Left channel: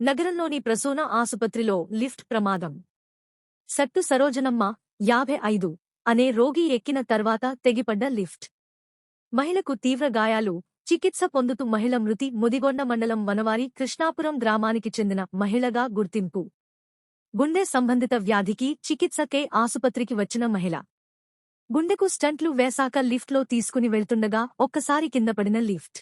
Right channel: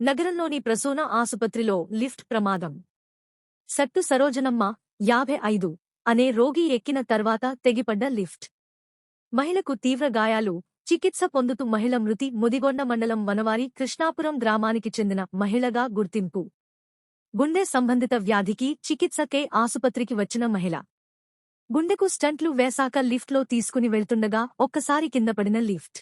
నగరంలోని ప్రసూన ఆసుపత్రిలో లిఫ్ట్ ప్రమాదం. సట్టు సరోజనమ్మ 55 అనే రోగి ఎక్కిన తర్వాత తెగిపడ్డ లిఫ్ట్. మహిళకు తీవ్ర గాయాలు, చికిత్స పొందుతూ మహిళ మృతి. ముదిగొండ మండలం వనవారి కృష్ణాపురం గ్రామానికి చెందిన మహిళగా గుర్తింపు. గుండె సంబంధిత వ్యాధికి చికిత్సకే ఆసుపత్రికి వచ్చిన మహిళ. గుండెకు స్టంట్లు వేశాక లిఫ్ట్లో తీసుకుని వెళ్తుండగా ఒక్కసారి కింద పడిన లిఫ్ట్.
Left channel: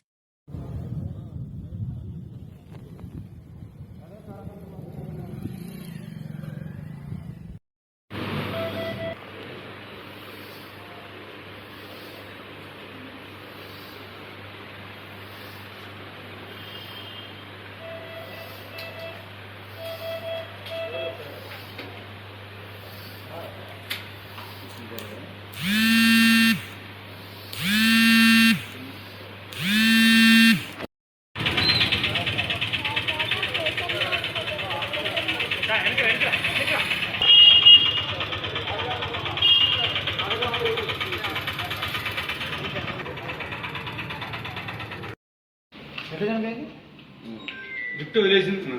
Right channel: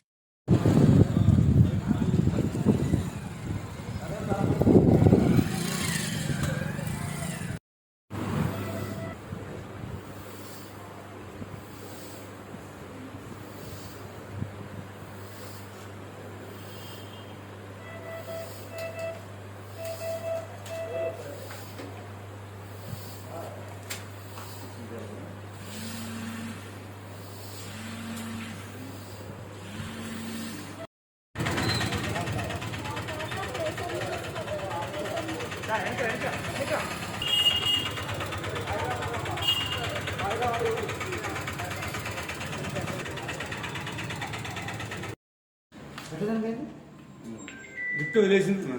లిఫ్ట్ వదిలేసింది.